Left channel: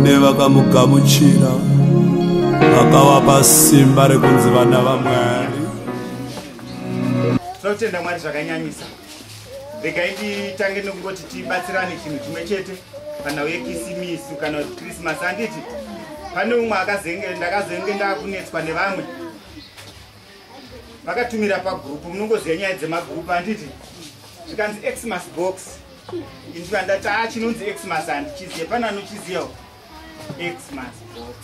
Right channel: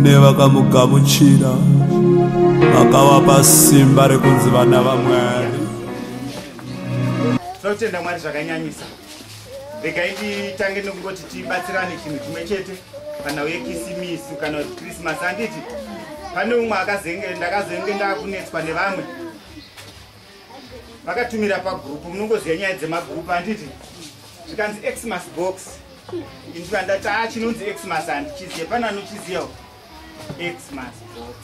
kune vakamugamuchira vakavapa simba rekunzi vana vaMwari. Tinotenda Mwari zvakanyanyisa. Regai titange nokungoti tibatsirane chinhu chimwe chete kana yekisimisi kana Christmas. Handiti pane umwe ndakazenge ndakunetswa nevamwe vakatumira pagrupu, munongoziva nyaya dzemagrupu. Handiti zvikanzi Xmas box, ndikandati chinonzi Xmas handichiziva. Pana anochizivawo Xmas box?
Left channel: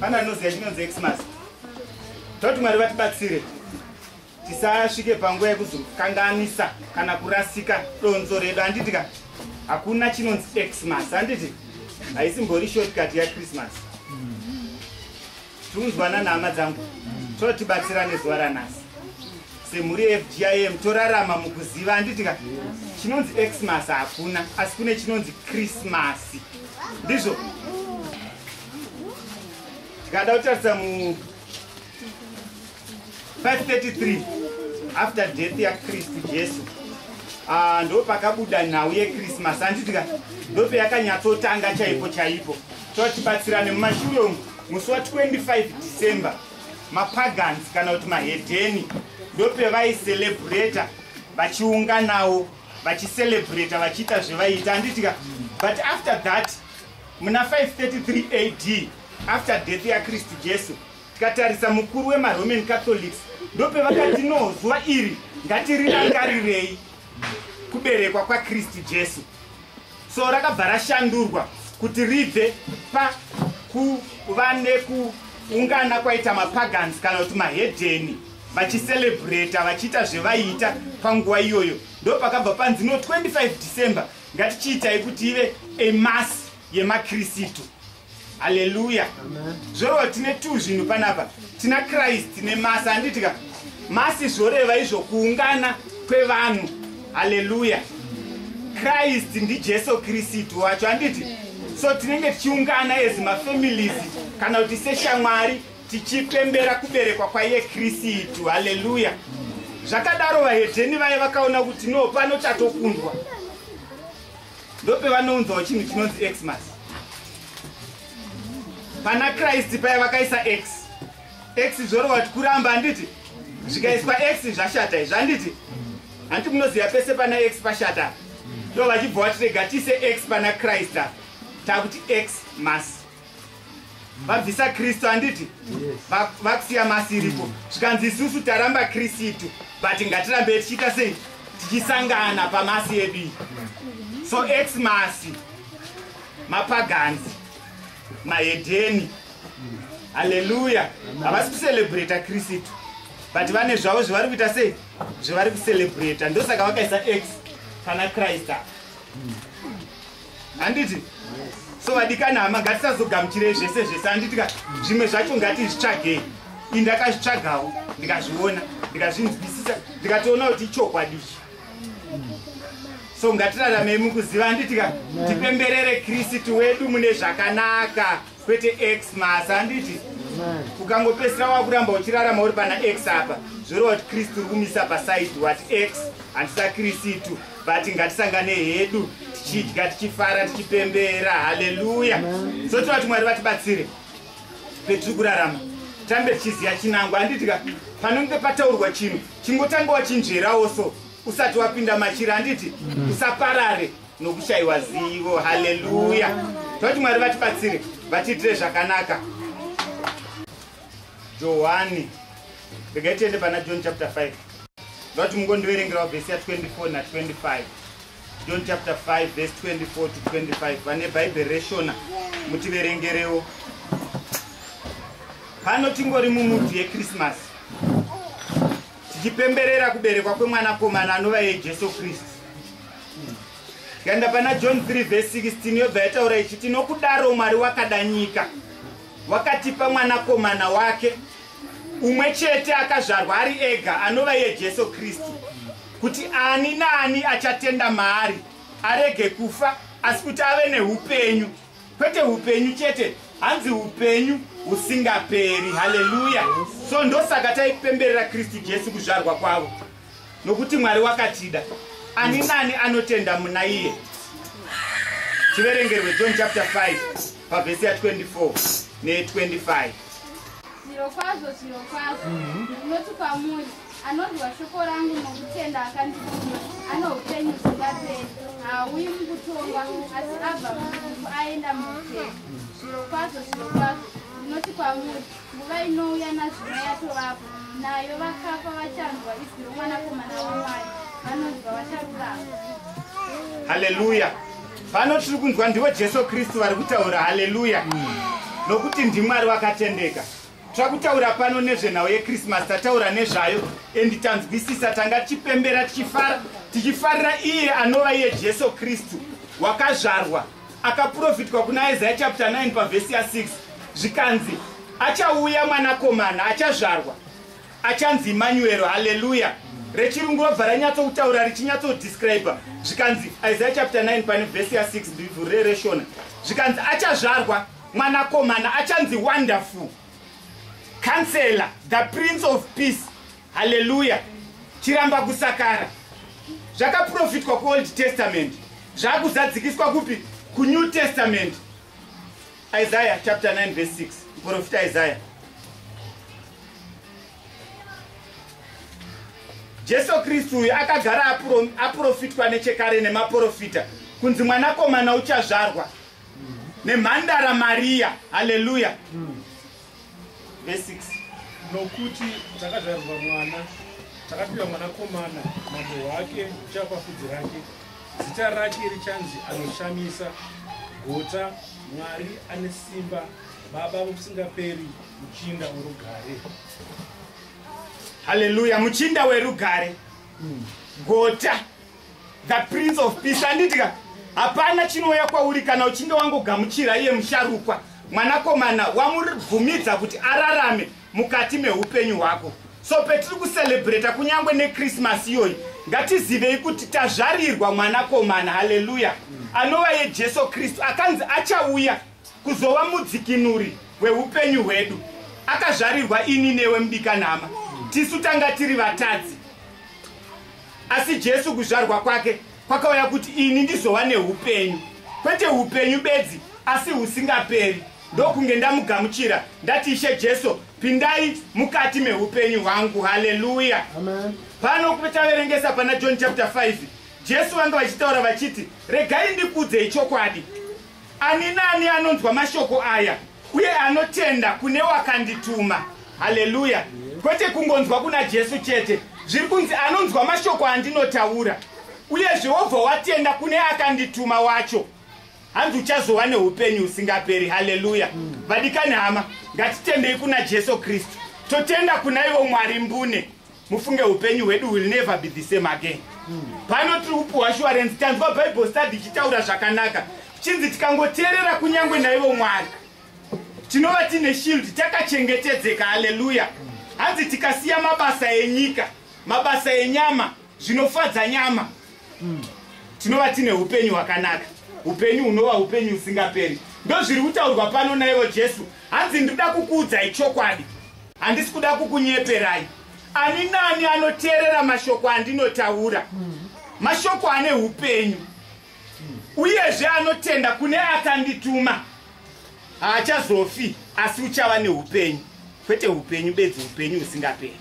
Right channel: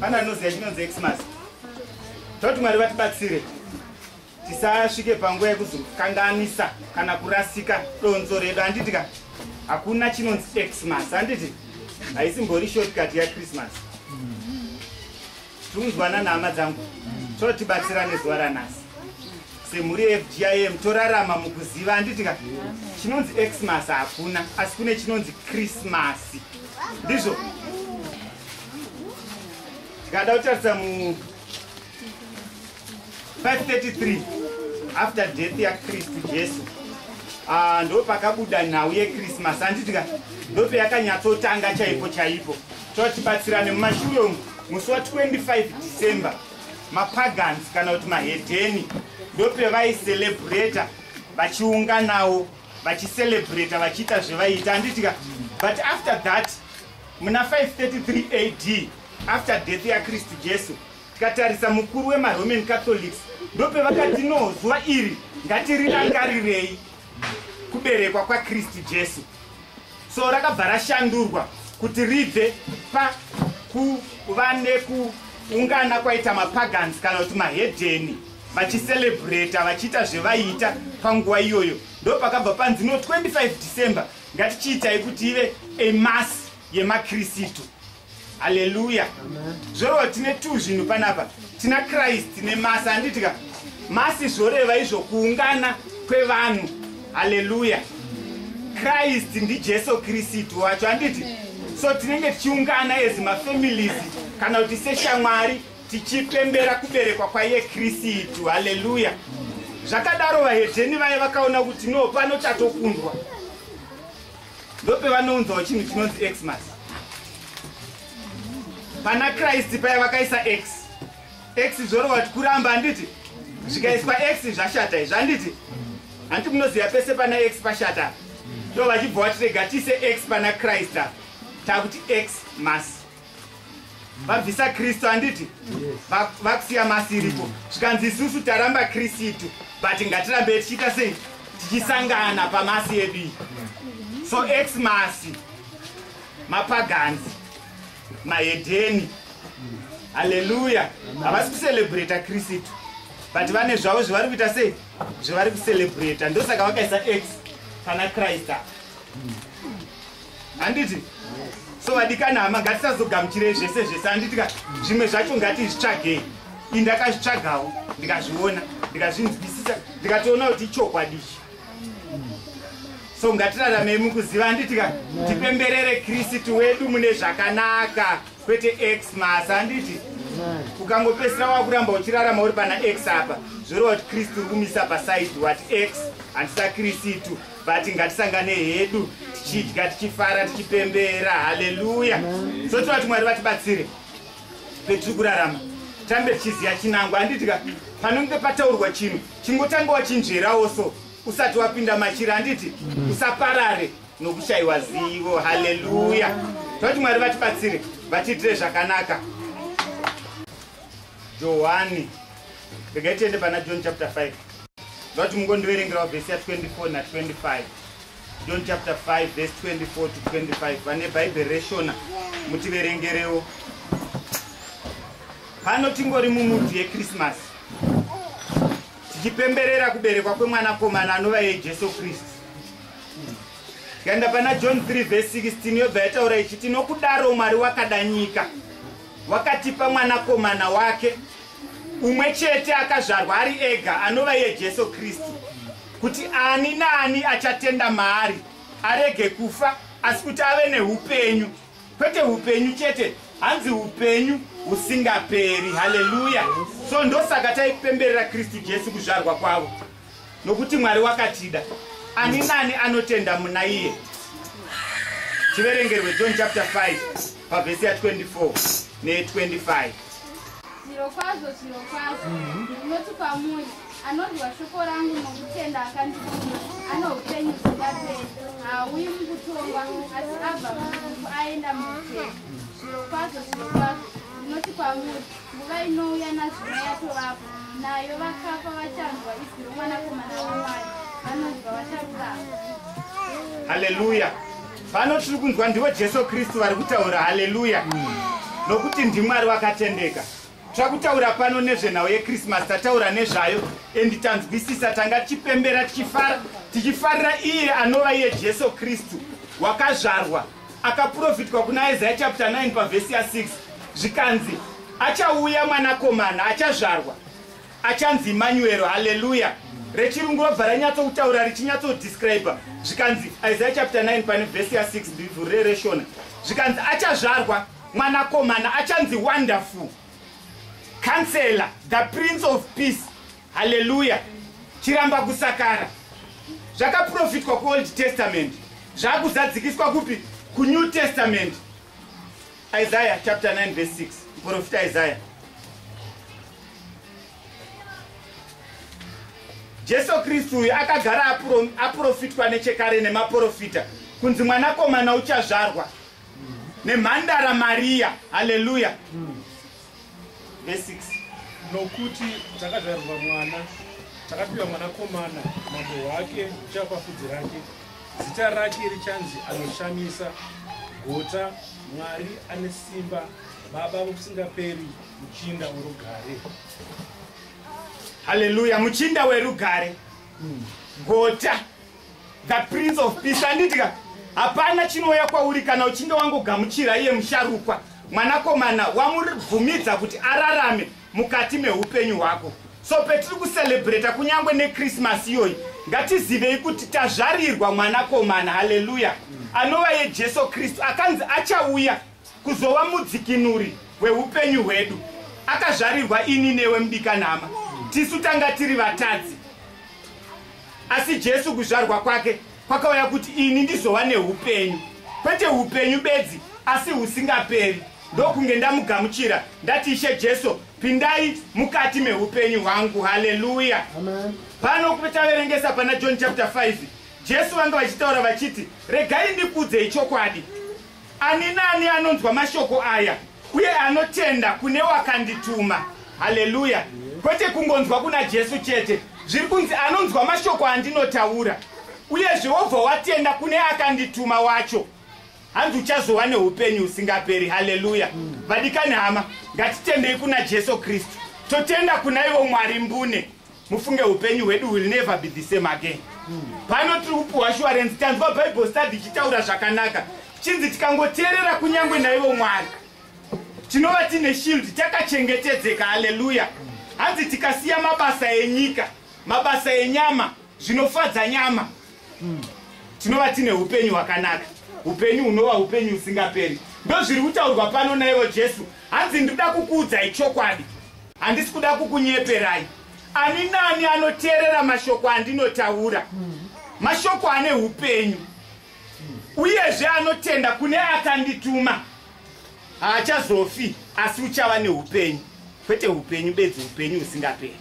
Pana anoziva chinonzi Xmas? Toti Mwari vatibatsire tisasvike panguva yekuzokanganisa kana kurasika donzo redu. Handiti ka hakuna chinonzi Xmas. Handiti haisimbori shortcut yaChristmas. Tiunzwana nhama dzangu, totibatsirane zuva ranhasi semhuri yeFGIM torarama mukuziva. Handiti ka chinonzi Xmas hakuna, asi kune chinonzi Christmas. Ndizvo tikada kutarisa mu 533 after death yaKristu Jesu, ndo pakabuda nhau yeChristmas. Handiti ka ndo payakanyatsotanga chaipo chaipo. Totibatsirane mumashure umu musi wa25 December mapagans kana kuti mahedheni ndo pavaicelebrata vachiunganawo vachicelebrata vachiita zvevaiita. Handiti ka but after that muna 533 AD after death yaKristu Jesu tikatarisa mukuru wemaRoman Catholics ndo pevakati no zuva iri ngatirirangarirei kuberekwa kwaKristu Jesu. So rakabva rashandurwa kuti ribve pakuva nekuungana kwaita mapagans kana kuti mahedheni vachicelebrata vachiita zvevaiita panguva iyoyo. Ndo pakabva panzi no 25 December ngatichiitai kuti ive emasi yemakristu. Haleluya. Zvoreva tine tu zvinhu panapa, tina Christ nemasi. Handiti ka masi zvoreva izvo kuungana kwevanhu. Haleluya. Christ ndi Jesu Kristu wacho. Handiti so tinenge tichiungana as mafamilies kana kuti seshamwari tichipembera kuberekwa kwaiye Kristu. Haleluya. Zvakadaro vahedheni vaye vakaona kuti no pano chatokundwa, ndo pevanounzawo chinhu chinonzi Xmas. Pana Christ paya vakaisa X zvorova kuti kuramba. Handiti zvikaiswa X zvashata izvi. Handiti hanti munoziva pese pana X pashata, ndo vachibva vatirega tiise X pana Christ takuti Xmas. Vabvisa Kristu. Handiti vakusiya masi iripo. Zvikanzi isusu taramba Kristu but ngatirambe tichiita sei, tichisangana pamasi edu. So Xmas mapagans mahedheni. Haleluya. Havasi kucelebrata Kristu but vane zvavo zvavari kuita sei, zvavari kucelebrata. Ndosaka vakaisa X pana Christ. Handiti so vadikana hama ngatisazogamuchirei zvese zvese. Handiti ka zvimwe zvacho ngatizvitsvagei. Ndakazvitsvagawo ndikazviona ndikazvinzwisisa ndikatoona kuti chokwadi. So ngatiraramei mukuziva. Handiti ka tipemberere Kristu wedu mune zvakanaka kwete Xmas. Handiti ukangopesira wakuramba uchirarama uri pana X apa zvoreva kuti Kristu uri kumisa pasaidi wati X handisa Kristu but ngatisangane hedu tichidya tichifara tichipembera. Haleluya. So tinoti Mwari vatibatsire petiri kurarama tambe tichiziva chinangwa. Handiti ka panonge pataurwa chinhu chingotanga wachinzverawo so usati wapinda machira. Handiti usaparare nokushayiwa zivo. Haleluya. Tinoti Mwari vatibatsire vatiitire zvakanaka. Johani, regai tiende pana John chapter 5. Ndoti mungondiverengerawo vhesi ya24 na25. John chapter 5 verse 24 to 25. Vane Bible reshona mutiverengerewo. Pano tingori mumudzi yeChristmas tichipemberera kuberekwa kwemwanakomana anova Jesu Kristu. Tikaenda pana John 3 verse 16 yobva yataura ichiti nokudaro Mwari wakada nyika wakatipa mwanakomana wake umwe chete akazvarwa ari ega anova Jesu Kristu, kuti ani naani achatenda maari arege kufa asi kuti ave neupenyu. Kwete upenyu chete, hanzi upenyu husingaperi. Haleluya. So ndosaka taipemberera Kristu Jesu kuzvarwa kwavo, nokuti Mwari wakatida ani nani anotenda muna iye tiverengerwe John chapter 5 pavhesi ya24 ne25. Zvirokwazvo ndinoti kwamuri, anonzwa shoko rangu nokutenda akandituma ano upenyu husingaperi, haauyi mukutongwa asi abva murufu aenda muupenyu. Zvirokwazvo ndinoti kwamuri, nguva inouya nazvino yatovapo, nayo vakafa vachanzwa izwi roMwanakomana waMwari, vanonzwa vacharurama. Haleluya. Pano tiri kunzwa ndivo Jesu Kristu vari kutaura. Haleluya. Nokuti ndiMwari wakatendeka. Takutaura pano nezvenhau yeChristmas, tataura nezvayo endi tanzwisisa, tanga tichipembera tichifarira iye anova iye Jesu Kristu wakazvarwa, akaprofitwa kuna Isaiah chapter 9 pavhesi ya6 zvikanzi achauya mwanakomana, achazvarwa, achanzi Emmanuel. Haleluya. Rechirungu robva ranyatsokutaura richinyatsodescribe zvikanzi Isaiah chapter 9 pane vhesi ya6 ndivhurereshona zvikanzi achazvarwa mwanakomana, achanzi Wonderful Counselor, the Prince of Peace. Haleluya. Chiramba kusakara zvakaprofitwa kuOld Testament zvakuzadzikiswa kupi? kuNew Testament. Isaiah chapter 9 verse 6. Profita Isaiah. Jesu Kristu uyu akagara aprofitwa nechekare nemaprofita kunzi mwanakomana uchazvarwa nemhandara Maria. Haleluya. Verse 6. Nokuti takazvarwa mwana, takapiwa mwanakomana, mambo wake uchapafudzi rake, zita rake richanzi anoshamisa, gota, Mwari ane simba, baba vokusingaperi, muchinda werugare. Haleluya. Muchinda werugare, gota, the Prince of Peace. Anditika hapana chinouya kwauri kana uchinge wangogamuchira iye musharukwa, mwanakomana wamubvumidza kuti ararame mukati meupenyu hwako. So petiri kucelebrata kunyangwe neChristmas iyoyi, ngatizivei kuti tazvarirwa mwanakomana. Haleluya. Anova ye Jesu Kristu, akanzi achauya kuzova mudzikinuri weupenyu hwedu. Akazvarirwa ini newe mudikanhama. Tisu tanga tiri vatadzi, asi Jesu kuzvarwa kwake kwakauya kuti ini ndizova neupenyu, kwete upenyu bedzi asi husingaperi. Ndokunge ndamugamuchira ndati, Ishe Jesu, pindai mukati meupenyu hwangu. Haleluya. Amen. Pano taverengesa pana John chapter 5, Jesu vanga vachitaura vachiti, regai ndikudzei chokwadi, ani nani anonzwa mashoko aya uye anotenda kune wakandituma. Haleluya. Kwete kungonzwa kuna Jesu chete, zviri kunzi anonzwa mashoko andinotaura uyezve wobva watenda kune akandituma wacho, hanzi uchazova neupenyu husingaperi. Haleluya. Vadikani hama, ngatitendei kuna Jesu Kristu, totenda kuna ivo Mwari mbune, mufunge upenyu hwedu will never be the same again. Pano tiri kupuwa assurance, tanzwa Bible study chitaura zvakanaka, chinzi tikangoteerera kunyangwe naivo Mwari tinova tine shield, takachengetedzeka. Haleluya. Hanzi tikasiya mabasa enyika, mabasa enyama, zvinofadza nyama, tinova tine upenyu hwakanaka, upenyu hunova upenyu husingaperi. Ndo zviri kutaurwa pano naivo Jesu. Hanzi ndinoda kukuudzai chokwadi, handisi kuda kukunyeperai. Ani nani anoteerera mashoko andinotaura, mashoko ane upenyu, uyezve anotenda kune akandituma, haachazofi asi uchava neupenyu, kwete upenyu bedzi, upenyu husingaperi.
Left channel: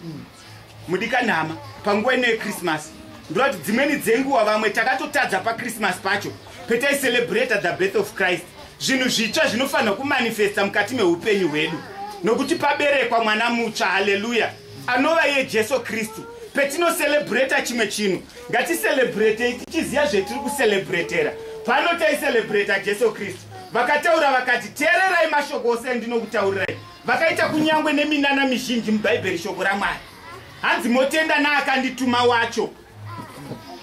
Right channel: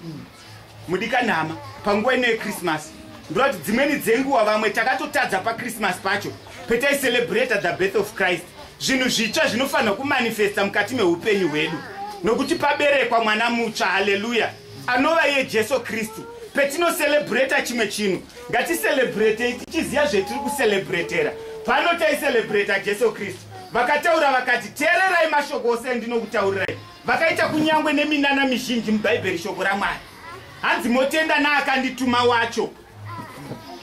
Mudikanhama, panguva ino yeChristmas ndinoti dzimweni dzenguva vamwe takatotadza paChristmas pacho petaicelebrata the birth of Christ. Zvinhu zvitsva zvinofanira kumanifesta mukati meupenyu hwedu, nokuti paberekwa mwana mutsva. Haleluya. Anova iye Jesu Kristu. Petinocelebrata chimwe chinhu, ngaticelebrate tichiziva zvetiri kucelebratera. Pano taicelebrata Jesu Kristu, vakataura vakati, teererai mashoko ose andinokutaurirai. Vakaita kunyangwe neminana mizhinji mubhaibheri shoko raMwari. Hanzi motenda naakandituma wacho.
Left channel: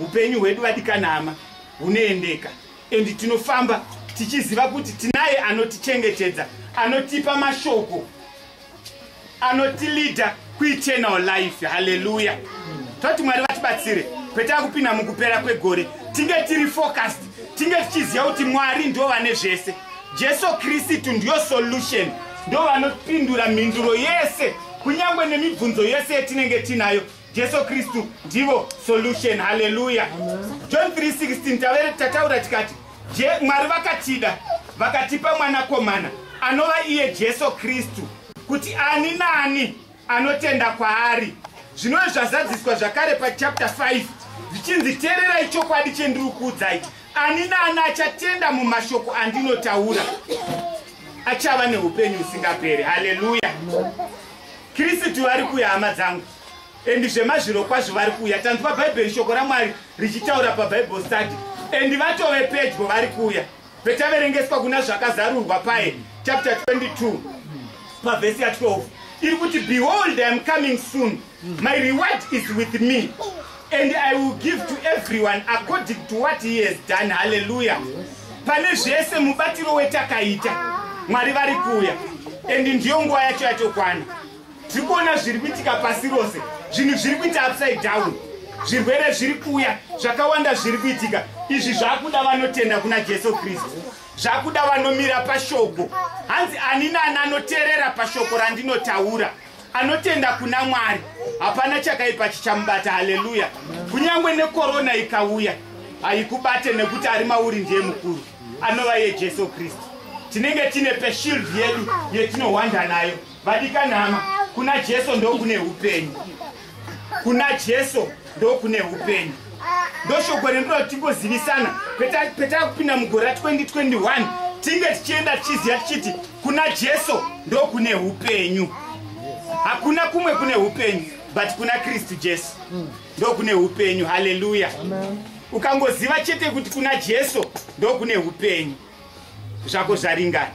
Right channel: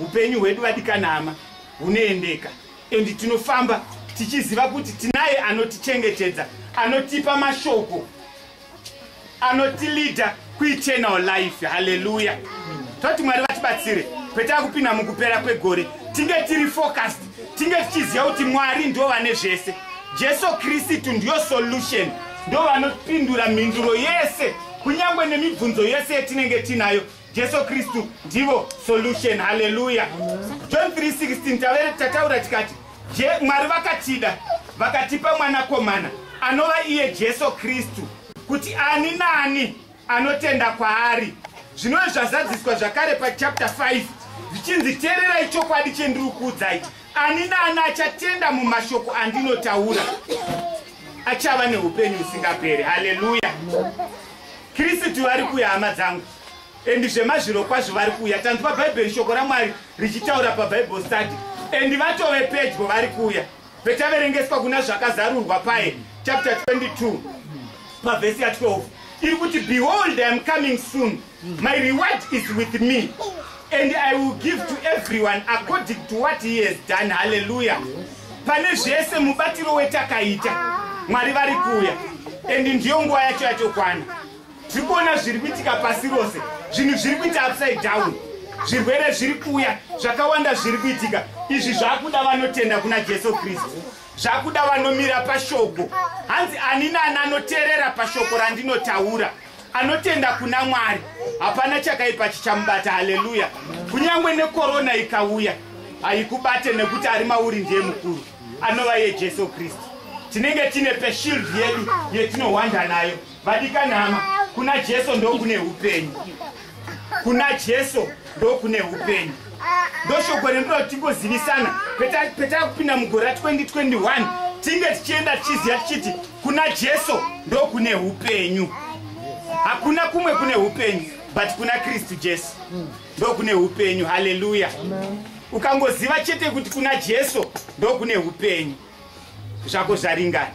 Upenyu hwedu vadikanhama hunoendeka, endi tinofamba tichiziva kuti tinaye anotichengetedza, anotipa mashoko, anotilida kueternal life. Haleluya. Toti Mwari vatibatsire petakupinda mukupera kwegore, tinge tiri focused, tinge tichiziva kuti Mwari ndo vane zvese. Jesu Kristu ndiyo solution, ndo vanopindura mhinduro yese, kunyangwe nemibvunzo yese yetinenge tinayo. Jesu Kristu ndivo solution. Haleluya. John 3:16 tataura tikati, Mwari vakatida vakatipa mwanakomana anova iye Jesu Kristu, kuti ani nani anotenda kwaari. Zvino zvazadziswa zvakare pachapter 5 zvichinzi teererai chokwadi chendiri kuudzai, ani nani achatenda mumashoko andinotaura achava neupenyu usingaperi. Haleluya. Kristu vari kuuya hama dzangu, endi zvemazviro kwazvo vari kuuya. Tanzwa Bhaibheri, shoko raMwari richitaura paBible study, endi vatove pedyo vari kuuya. Petaverengeswa kuna zvakazarurwa paye chapter 22 pavhesi ya12 iri kuti, behold I am coming soon, my reward is with me, and I will give to everyone according to what he has done. Hallelujah. Pane zvese mubatiro wetakaita Mwari vari kuuya, endi ndiyo nguva yacho yatokwana. Tiri kuona zviri kuitika pasi rose, zvinhu zviri kuita upside down, zvirwere zviri kuuya, zvakawanda zviri kuitika. Izvi zvakuda vanotenda kuna Jesu Kristu, zvakuda vanomira pashoko. Hanzi ani nani anoteerera pashoko randinotaura, anotenda kuna Mwari, hapana chakaipa chichamubata. Haleluya. Kunyangwe nekorona ikauya haikubate, nekuti ari mauri ndiye mukuru, anova iye Jesu Kristu. Tinenge tine peshield yedu yetinohwanda nayo. Vadikanhama, kuna Jesu ndo kune upenyu, kuna Jesu ndo kune upenyu. Ndo shoko rendiro tingozivisana peta kupinda mugore ra 2021 tinge tichienda tichiziva tichiti kuna Jesu ndo kune upenyu. Hakuna kumwe kune upenyu but kuna Kristu Jesu ndo kune upenyu. Haleluya. Ukangoziva chete kuti kuna Jesu ndo kune upenyu, zvako zvaringana.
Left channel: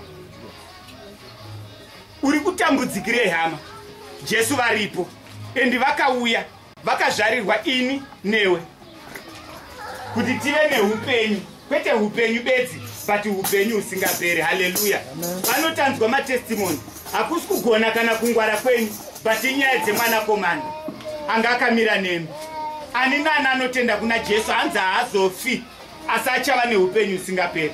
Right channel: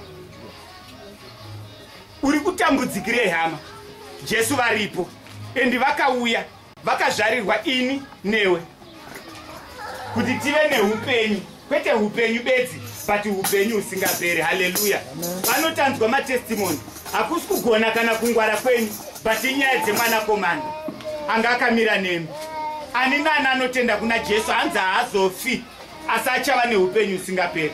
Uri kutambudzikirei hama? Jesu varipo, endi vakauya vakazvarirwa ini newe kuti tive neupenyu, kwete upenyu bedzi but upenyu usingaperi. Haleluya. Vanotanzwa matestimoni, hakusi kugona kana kungwara kwenyu but inyaya dzemwanakomana anga akamira nemi. Ani nani anotenda kuna Jesu hanzi haazofi asi achava neupenyu usingaperi.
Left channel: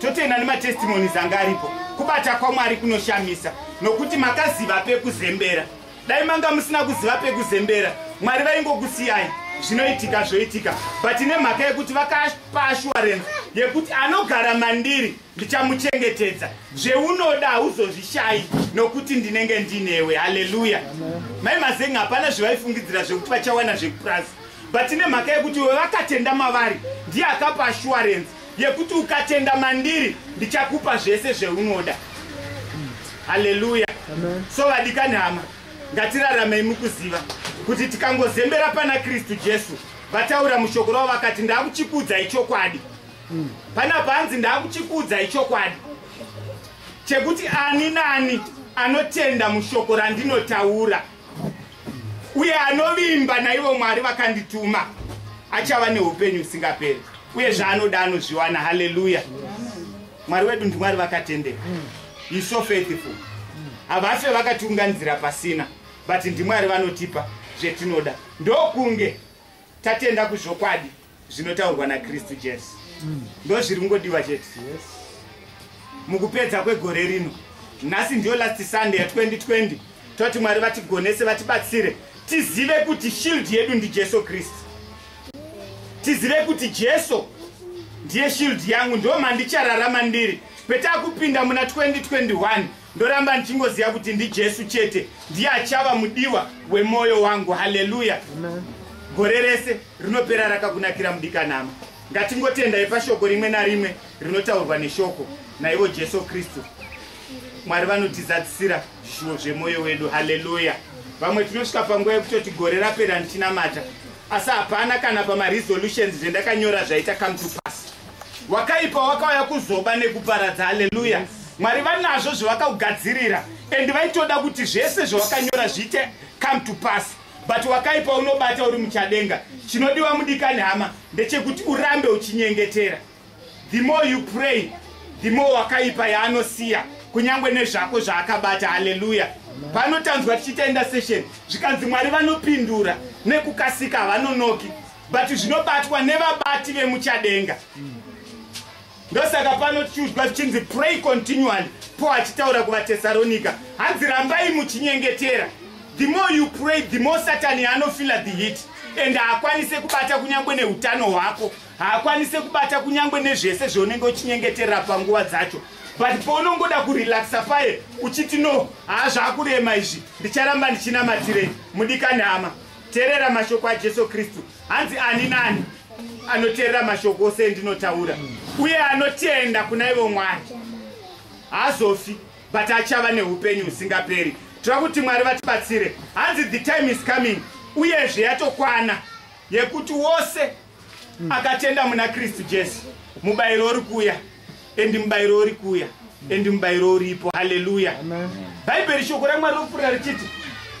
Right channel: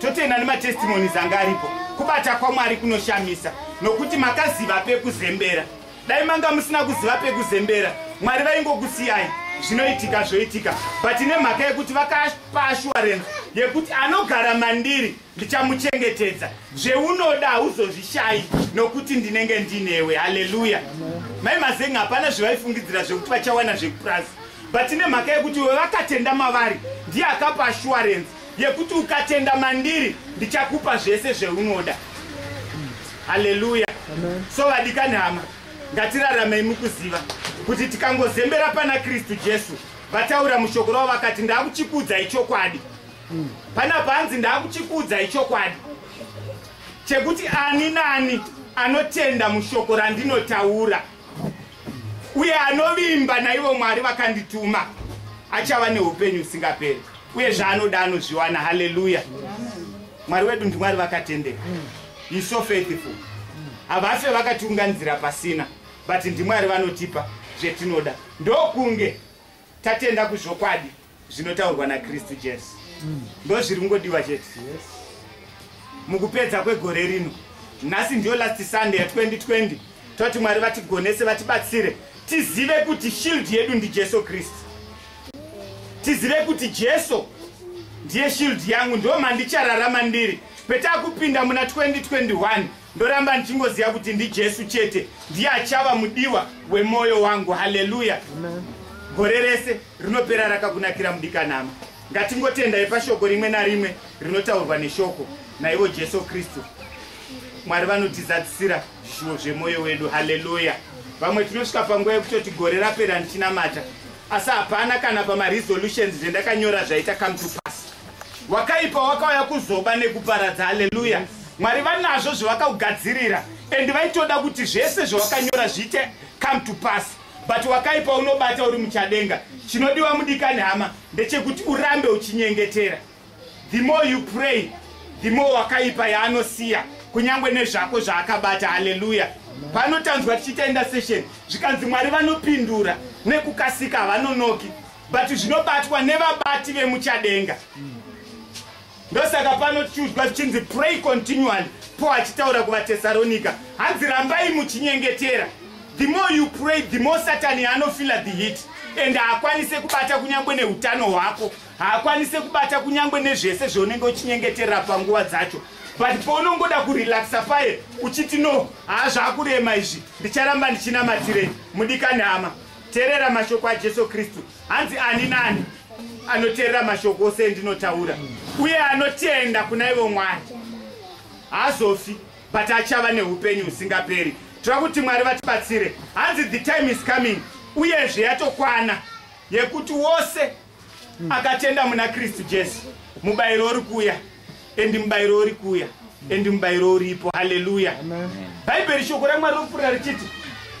Totenda nematestimoni zanga aripo. Kubata kwaMwari kunoshamisa, nokuti makaziva pekuzembera. Dai manga musina kuziva pekuzembera, Mwari vaingokusiyai zvinoitika zvoitika. But nemhaka yekuti vakapa assurance yekuti anogara mandiri ndichamuchengetedza, zveunoda hauzozvishai nokuti ndinenge ndinewe. Haleluya. Maimazenga hapana zvavaifungidzira zvekuti vachawana zvekupurasi, but nemhaka yekuti vakatenda mavari ndiye akapa assurance yekuti ukatenda mandiri ndichakupa zvese zveunoda. Haleluya. So vadikanhama, ngatiraramei mukuziva kuti tikangozembera pana Kristu Jesu, vataura mushoko ravo vakati ndakuchikudzai chokwadi. Panapa hanzi ndakuchikudzai chokwadi chekuti ani nani anotenda mushoko randinotaura uye anovimba naivo Mwari vakandituma achava neupenyu usingaperi, uye zvaanoda anozviwana. Haleluya. Mwari wedu ndiMwari vakatendeka. He is so faithful. Havafe vakatiunganidzira pasina, but ndiMwari vanotipa zvetinoda. Ndokunge tatenda kuzvokwadi zvinotaurwa naKristu Jesu. Ndo zviri kungodiwa chete. Mukupedza kwegore rino, nhasi ndiyo last Sunday ya 2020, toti Mwari vatigonese, vatibatsire tizive kuti shield yedu ndi Jesu Kristu. Tizive kuti Jesu ndiye shield yangu, ndo mandichararama ndiri. Petakupinda muna 2021 ndoramba ndichingoziva kuti ndi Jesu chete ndiye achava mudiwa wemoyo wangu. Haleluya. Gore rese rinopera rakakunakira mudikanhama. Ngatingotendai pashoko rimwe narimwe rinotaurwa neshoko naivo Jesu Kristu. Mwari vanotizadzisira zvishuwo zvemoyo wedu. Haleluya. Vamwe tinosvika panguva yekutoti gore rapera ndichinamata, asi hapana kana pamaresolutions zvendakanyora zvaita come to pass. Wakaipa wakauya kuzoba nekuparadza. Haleluya. Mwari vanazvo zvavakaugadzirira, endi vaitoda kuti zvese zvawakanyora zviite come to pass, but wakaipa unobata uri muchadenga. Chinodiwa mudikanhama ndechekuti urambe uchinyengetera. The more you pray, the more wakaipa yaanosiya kunyangwe nezvako zvaakabata. Haleluya. Panotanzwa tichiita intercession zvikanzi Mwari vanopindura nekukasika, havanonoki, but zvinobatwa nevabati vemuchadenga. Ndosaka pano tichiudzwa tichinzi pray continually. Paul achitaura kuvaTesaronika hanzi rambai muchinyengetera. The more you pray, the more Satan anofila the heat, and haakwanise kubata kunyangwe neutano hwako, haakwanise kubata kunyangwe nezvese zvaunenge uchinyengeterera panguva dzacho. But paunongoda kurelaxa paye uchiti no, zvakurema izvi ndicharamba ndichinamatire. Mudikani hama, teerera mashoko aJesu Kristu. Hanzi ani nani anoteerera mashoko ose endinotaura uye anotenda kuna ivo Mwari haazofi, but achava neupenyu husingaperi. Tova kuti Mwari vatibatsire. Hanzi the time is coming, uyezve yatokwana yekuti wose akatenda muna Kristu Jesu mubayiro uri kuuya endi mubayiro uri kuuya endi mubayiro uripo. Haleluya. Bhaibheri shoko raMwari rinopfuura richiti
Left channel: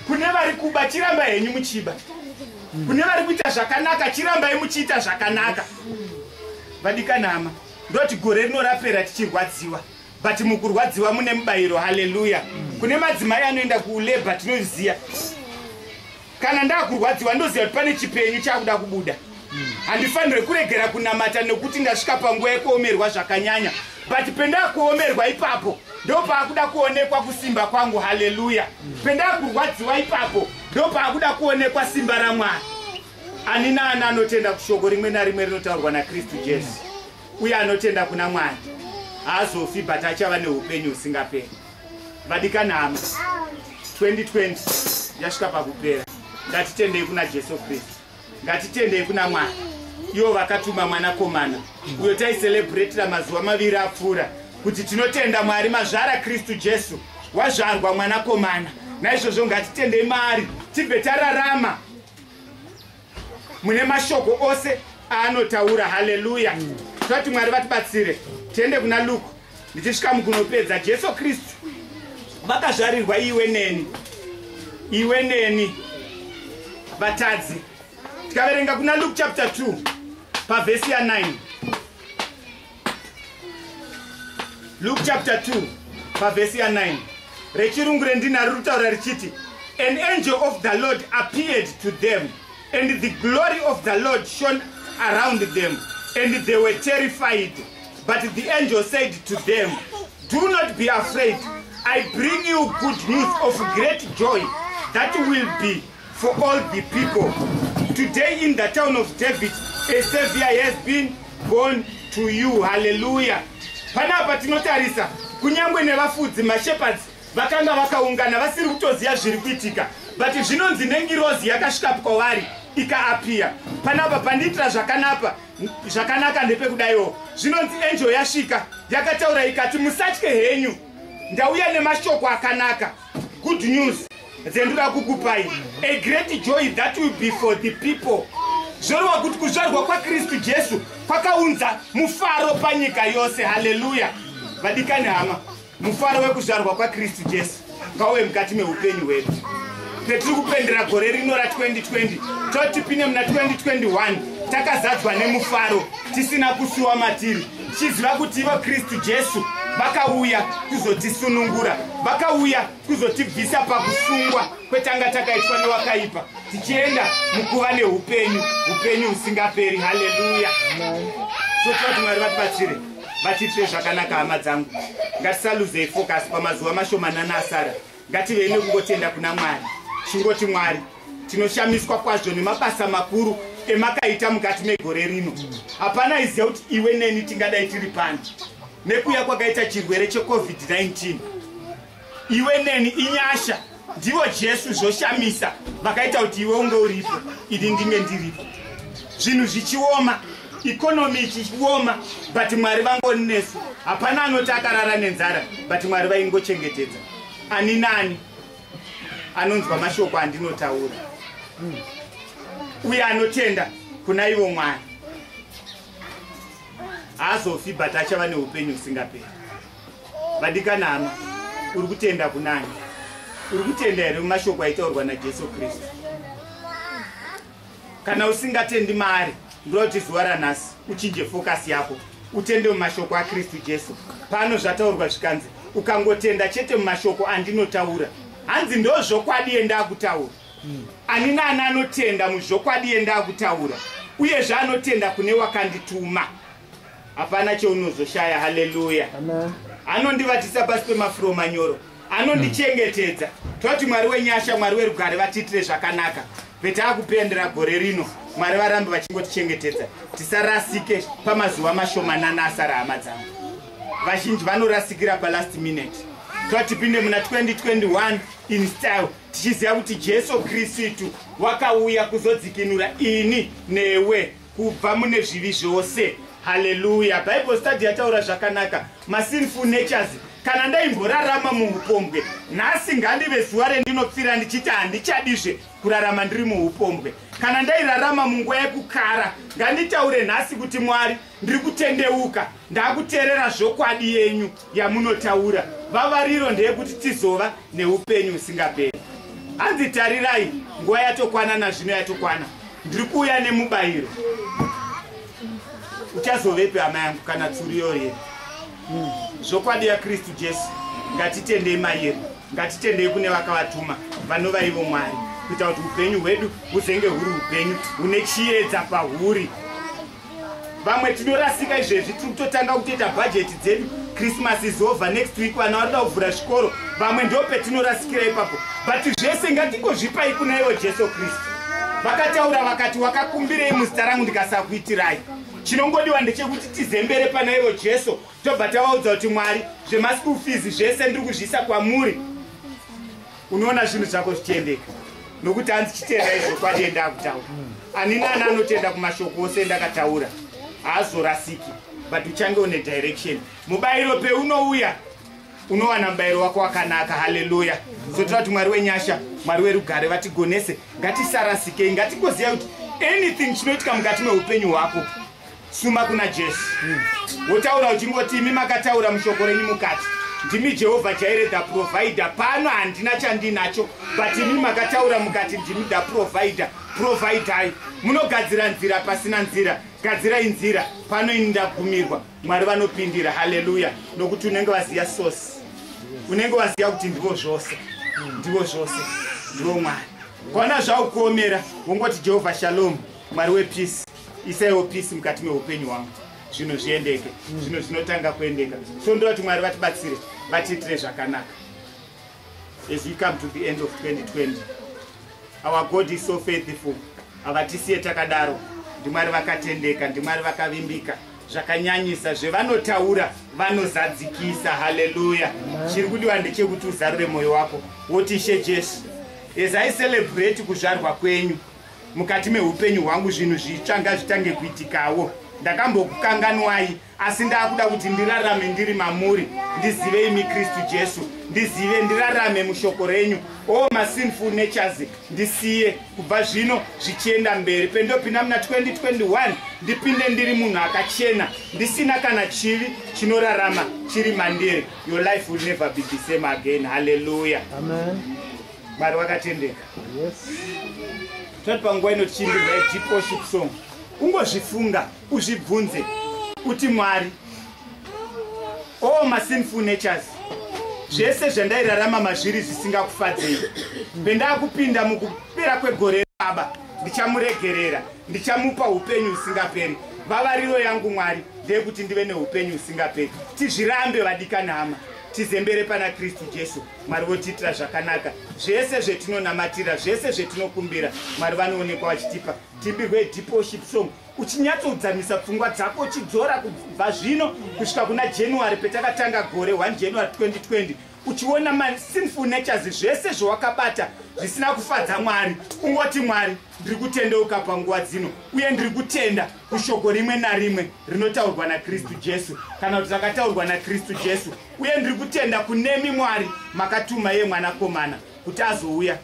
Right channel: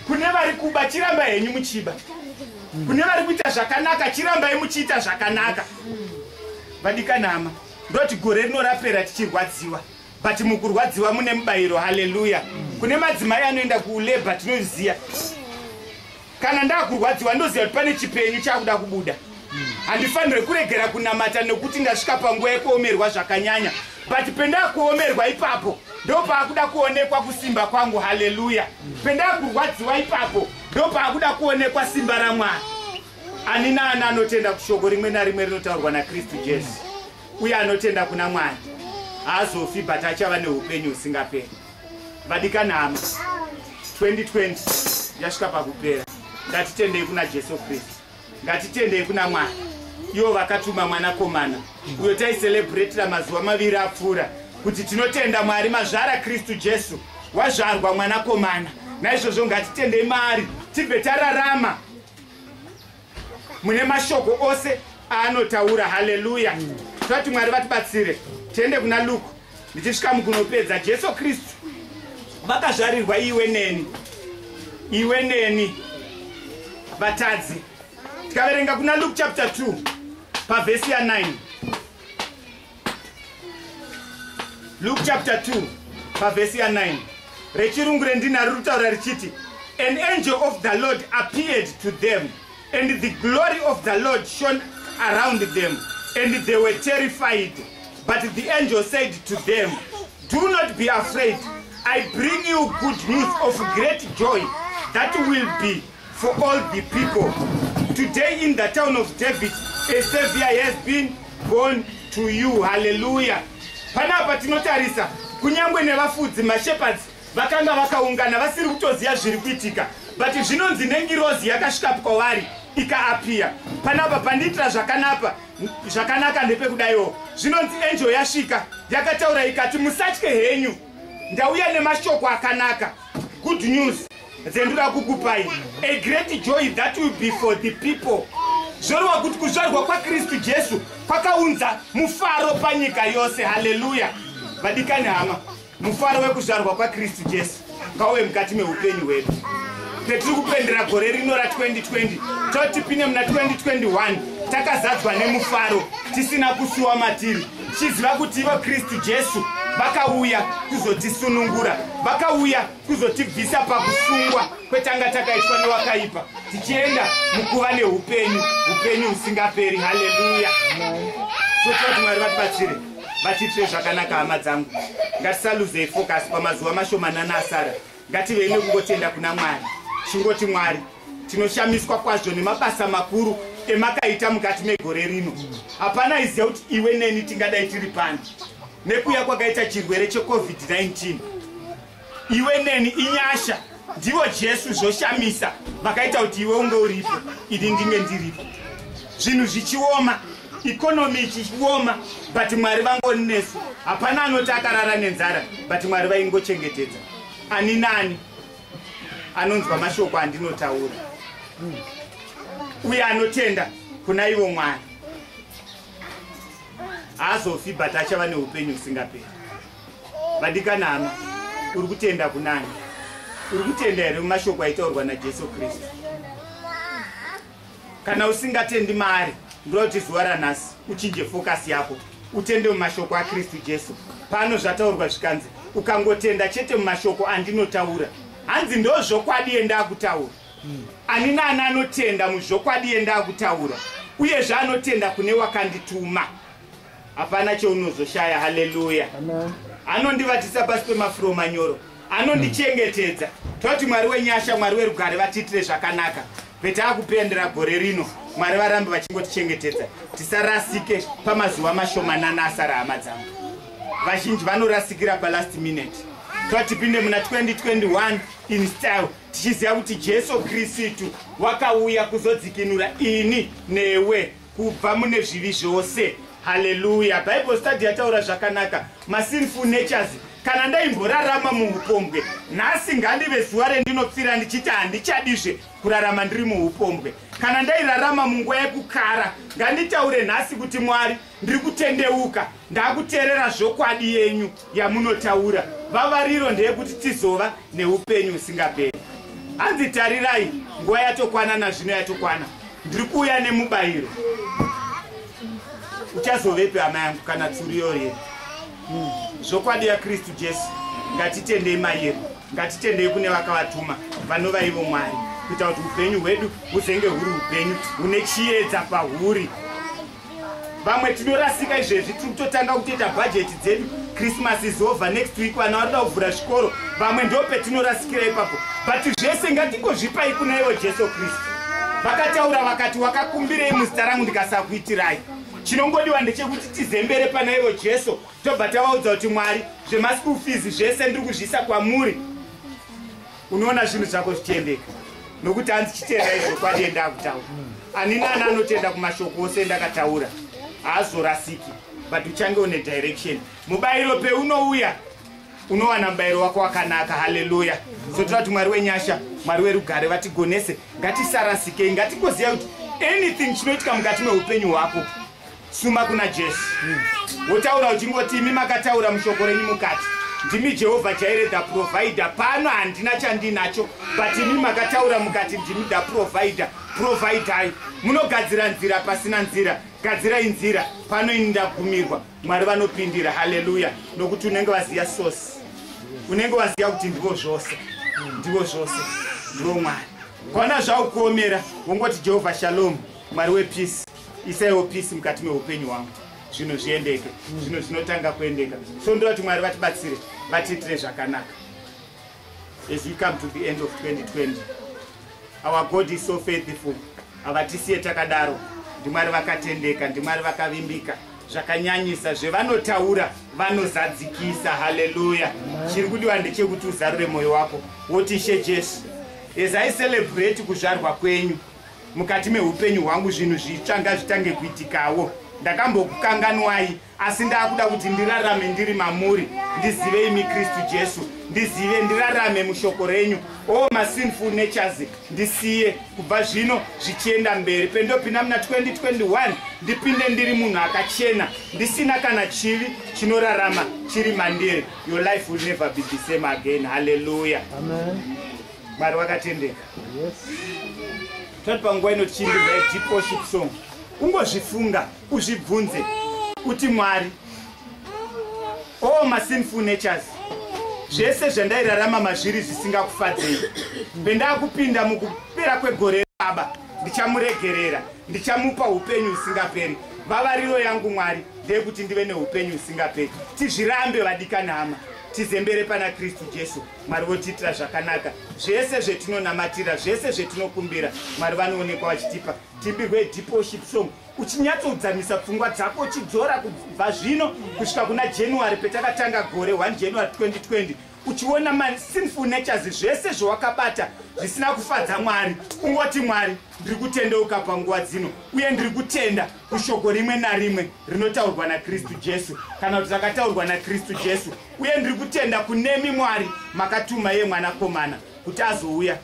kune vari kuba chirambai henyu muchiba, kune vari kuita zvakanaka chirambai muchiita zvakanaka. Vadikanama, ndoti gore rino rapera tichirwadziwa, but mukurwadziwa mune mubayiro. Haleluya. Kune madzimai anoenda kulebha tinoziya, kana ndakurwadziwa ndoziva kuti pane chipenyu chakuda kubuda. Handifanire kuregera kunamata nekuti ndasvika panguva yekuomerwa zvakanyanya, but pendakuomerwa ipapo ndopaakuda kuonekwa kusimba kwangu. Haleluya. Pendakurwadziwa ipapo ndopaakuda kuonekwa simba raMwari. Ani naani anotenda kushoko rimwe narimwe rinotaurwa naKristu Jesu uye anotenda kuna Mwari haazofi, but achava neupenyu husingaperi. Vadikanama, 2020 yasvika pakupera. Ngatitendei kuna Jesu Kristu, ngatitendei kuna Mwari, ivo vakatuma mwanakomana uyo taicelebrate mazuva maviri apfuura kuti tinotenda Mwari mazvara Kristu Jesu, wazvarwa mwanakomana. Naizvozvo ngatitendei maari tibve tararama mune mashoko ose aanotaura. Haleluya. Toti Mwari vatibatsire. Tiende kuna Luke ndichisvika mukunopedza. Jesu Kristu vakazvarirwa iwe neni vatadzi. Tikaverenga kuna Luke chapter 2 pavhesi ya 9. Luke chapter 2 pavhesi ya 9. Rechirungu rendinari rutaura richiti, an angel of the Lord appeared to them, and the glory of the Lord shone around them, and they were terrified. But the angel said to them, do not be afraid. I bring you good news of great joy that will be for all the people. Today in the town of David, a Savior has been born to you. Hallelujah. Panapa tinotarisa kunyangwe nevafudzi mashepherds vakanga vakaungana vasiri kutoziva zviri kuitika, but zvinonzi nengirozi yakasvika kwavari ikaapia. Panapa pandiitira zvakanaka ndepekudaiwo, zvinonzi angel yasvika yakataura ikati, musatye henyu, ndauya nemashoko akanaka, good news dzendoda kukupai, a great joy that will be for the people. Zvorova kuti kuzvarwa kwaKristu Jesu kwakaunza mufaro panyika yose. Haleluya. Vadikani hama, mufaro wekuzvarwa kwaKristu Jesu ngauve mukati meupenyu hwedu. Petiri kupendera gore rino ra2020 toti pine muna 2021 takazadzwa nemufaro tisina kusuwa matiri, tichiziva kuti ivo Kristu Jesu vakauya kuzotisunungura, vakauya kuzotibvisa pakusungwa kwetanga takaitwa newakaipa, tichienda mukuva neupenyu, upenyu husingaperi. Haleluya. So toti Mwari vatibatsire, vatiitire zvakanaka hama dzangu. Ngatisaluzei focus pamazuva mashomanana asara. Ngativei nekungotenda kuna Mwari. Chingoti Mwari, tinoshamiswa kwazvo nemabasa makuru emakaita mukati megore rino. Hapana iziva kuti iwe neni tingadai tiri pano nekuya kwakaita chirwere cheCovid-19. Iwe neni inyasha, ndivo Jesu zvoshamisa vakaita kuti iwe unge uripo, ini ndinge ndiripo. Zvinhu zvichioma, ikonomi ichioma, but Mwari vangori nesu. Hapana anoti akarara nenzara, but Mwari vaingochengetedza. Ani nani anonzwa mashoko andinotaura uye anotenda kuna ivo Mwari haazofi, but achava neupenyu husingaperi. Vadikanama, uri kutenda kunani? Uri kutenda here mumashoko aitaurwa naJesu Kristu? Kana usingatendi maari, ndoda kuti zuva ranhasi uchinje focus yako utende mumashoko aKristu Jesu. Pano zvataurwa zvikanzi ukangotenda chete mumashoko andinotaura, hanzi ndo zvokwadi enda kutaura. Ani nani anotenda muzvokwadi enda kutaura uye zvaanotenda kune wakandituma, hapana cheunozoshaya. Haleluya. Anondivatisa pasi pemafuro manyoro, anondichengetedza. Toti Mwari wenyasha, Mwari werugare vatiitire zvakanaka. Petakupendera gore rino, Mwari varambe vachingotichengetedza. Tisarasike pamazuva mashomanana asara hama dzangu. Vazhinji vanorasikira last minute. Tipinde muna 2021 in style, tichiziva kuti Jesu Kristu wakauya kuzodzikinura ini newe kubva mune zvivi zvose. Hallelujah. Bible study yataura zvakanaka. Sinful natures. Kana ndaimborarama muupombwe, nhasi ngandive zuva rendinopfira ndichiti handichadizve kurarama ndiri muupombwe. Kana ndairarama munguva yekukara, nganditaure nhasi kuti Mwari, ndiri kutendeuka, ndakuteerera zvokwadi yenyu yamunotaura. Vavariro ndeyekuti tizova neupenyu husingaperi. Hanzi tarirai, nguva yatokwana nazvino yatokwana. Ndiri kuuya nemubayiro. Uchazovepi hama yangu kana tsuriyo here? Zvokwadi yaKristu Jesu, ngatitendei mairi, ngatitendei kune vakavatuma vanova ivo Mwari, kuita kuti upenyu hwedu huzenge huri upenyu hune chiedza pahuri. Vamwe tinorasika izvezvi, tiri kutotanga kutoita bhajeti dzedu. Christmas is over, next week vana varida kuvhura zvikoro, vamwe ndo petinorasikira ipapo. But zvese ngatingozvipai kuna ivo Jesu Kristu. Vakataura vakati, wakakumbirei muzita rangu ndikasakuitirai. Chinongodiwa ndechekuti tizembere pana ivo Jesu, tobva tavaudza kuti Mwari, zvemasiku fees zvese ndiri kuzviisa kwamuri. Unoona zvinhu zvako zvichiendeka. Nokuti hanzi chitenda izvo kwadi endakutaura. Ani nani anotenda kumashoko ose endakataura. Haazorasiki, but uchange une direction. Mubayiro peunouya, unowana mubayiro wako wakanaka. Hallelujah. Zotora kuti Mwari wenyasha, Mwari werugare vatigonese, ngatisarasikei, ngatingoziva kuti anything chinoitika mukati meupenyu hwako, suma kuna Jesu. Wotaura uchingoti imi makataura mushoko renyu mukati, ndimi Jehovha Jireh the provider. Pano handina chandinacho, but imi makataura mukati, ndimi the provider. Providai. Munogadzira nzira pasina nzira, gadzirai nzira. Pano ini ndagumirwa, Mwari vanopindira. Hallelujah. Nokuti unenge waziya source, unenge waziya kuti ndivo zvose, ndivo zvose, ndivo Mwari. Kana zvaukuomera, wongoti Jehovha Shalom, Mwari wepeace, isaiwo peace mukati meupenyu hwangu. Zvinhu zviendeke, zvinhu zvinotanga kuendeka. So ndoda kuti Mwari vatibatsire, vatiitire zvakanaka. As we come to the end of 2020, our God is so faithful. Avatisiye takadaro, ndiMwari vakatendeka, ndiMwari vakavimbika. Zvakanyanyisa zvevanotaura vanozadzikisa. Hallelujah. Chiri kudiwa ndechekuti uzarure mwoyo wako woti Ishe Jesu, as I celebrate kuzvarwa kwenyu mukati meupenyu hwangu, zvinhu zvitsva ngazvitange kuitikawo. Ndakambokukanganwai, asi ndakuda kuti ndirarame ndiri mamuri, ndizive imi Kristu Jesu, ndizive ndirarame mushoko renyu. Sinful natures ndisiye kubva zvino zvichienda mberi. Pendopinda muna 2021 ndipinde ndiri munhu akachena, ndisina kana chivi chinorarama chiri mandiri. Your life will never be the same again. Hallelujah. Amen. Mwari wakatendeka. Yes. Toti panguva inochimbirwa deep worship song, ungozvifunga, uzvibvunze kuti Mwari, sinful natures, zvese zvandairarama mazviri zvisingakufadzei, pendakupinda mukupera kwegore Baba, ndichamuregerera, ndichamupa upenyu husingaperi. Vavariro yangu Mwari ndeyekuti ndive neupenyu husingaperi. Tizvirambe vadikani hama, tizembere pana Kristu Jesu. Mwari votiitira zvakanaka. Zvese zvetinonamatira, zvese zvetinokumbira, Mwari vanoonekwa vachitipa. Timbirwe deep worship song, uchinyatsodzamisa pfungwa dzako, uchidzora kubva zvino kusvika kuna January petakatanga gore 1 January 2020, uchiona sinful natures zvese zvawakabata zvisina kufadza Mwari. Ungoti Mwari, ndiri kutendeuka panguva dzino, uye ndiri kutenda kushoko rimwe narimwe rinotaurwa naKristu Jesu, kana kuti rakataurwa naKristu Jesu. Uye ndiri kutenda kunemi Mwari makatuma ye mwanakomana kuti azouya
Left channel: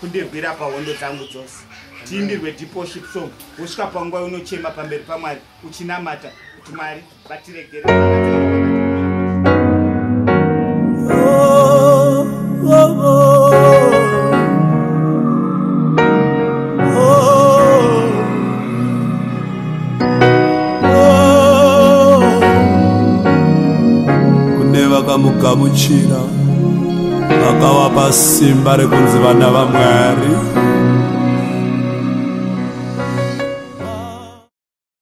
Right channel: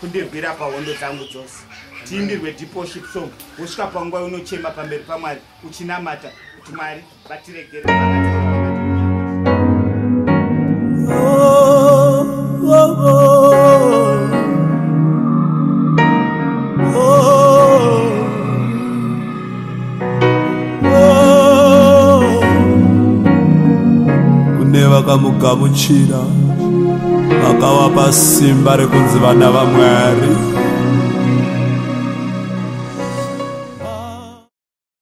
kundirwira pahondo dzangu dzose. Tiimbirwe deep worship song, usvika panguva unochema pamberi paMwari uchinamata kuti Mwari vatiregere vakataura vakati. Kune vakamugamuchira vakavapa simba rekunzi vana vaMwari.